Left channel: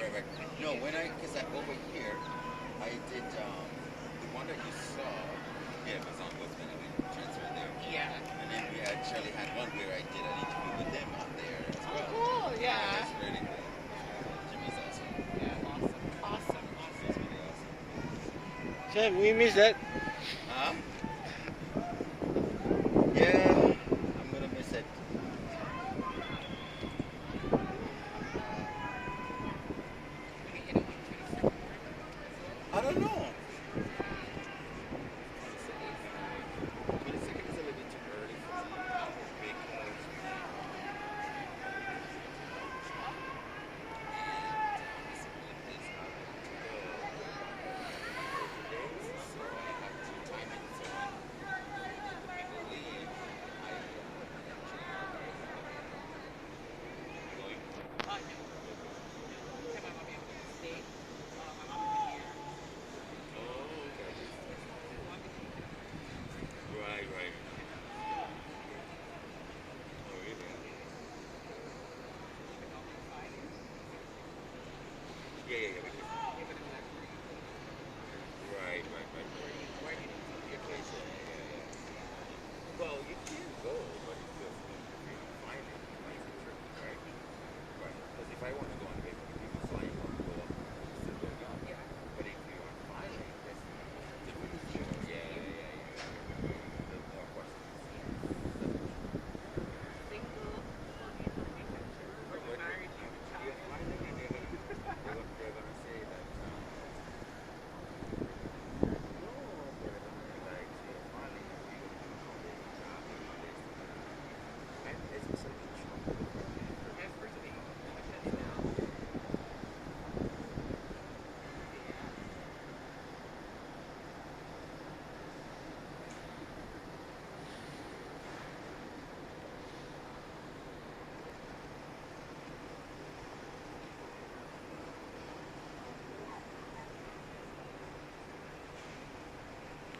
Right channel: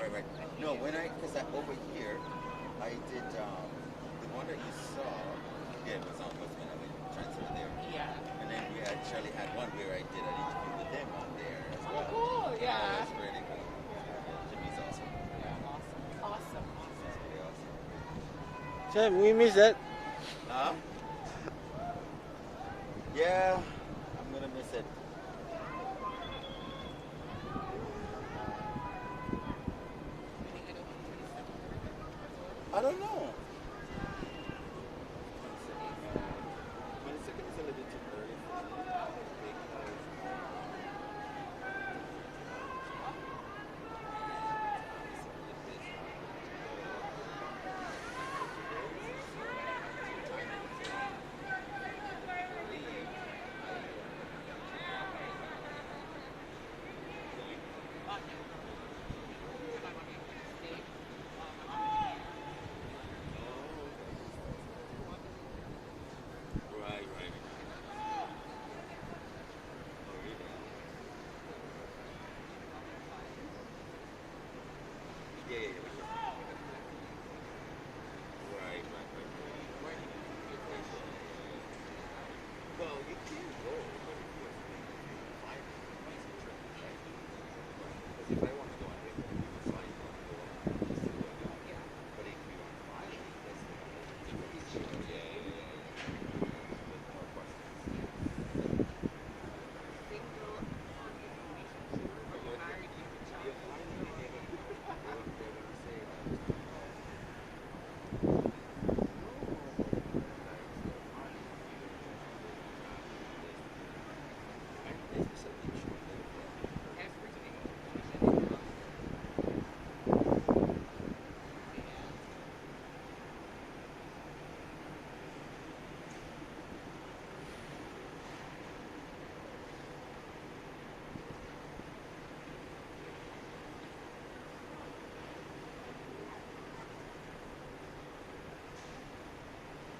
right, right, right. No, because over here, I did, the one that you saw, yeah, it was on Westman, I mean, transfer there. Yeah. And then we actually had one where I did an interview with them on there as Oh, well. cool. Yeah, Yeah. that's really cool. Jimmy's awesome. Yeah. Awesome. Awesome. He's Awesome. really awesome. Sam, we missed that. Huh? Yeah,